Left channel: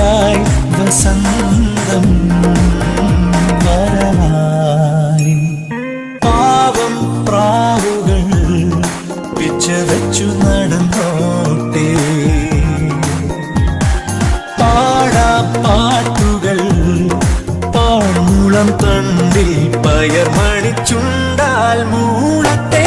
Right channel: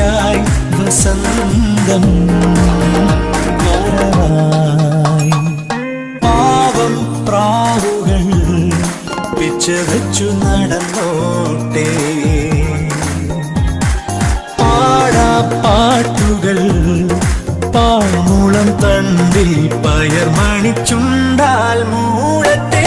മഴയായി വസന്തം വരവായി. പാവം പ്രാവുകൾ പിച്ചവച്ചു നടന്നോട്ടെ, പാടാ പാട്ടുകൾ പാഴ്മുളം തണ്ടിൽ പയർ മണിച്ചുണ്ടാൽ മൂളത്തെ.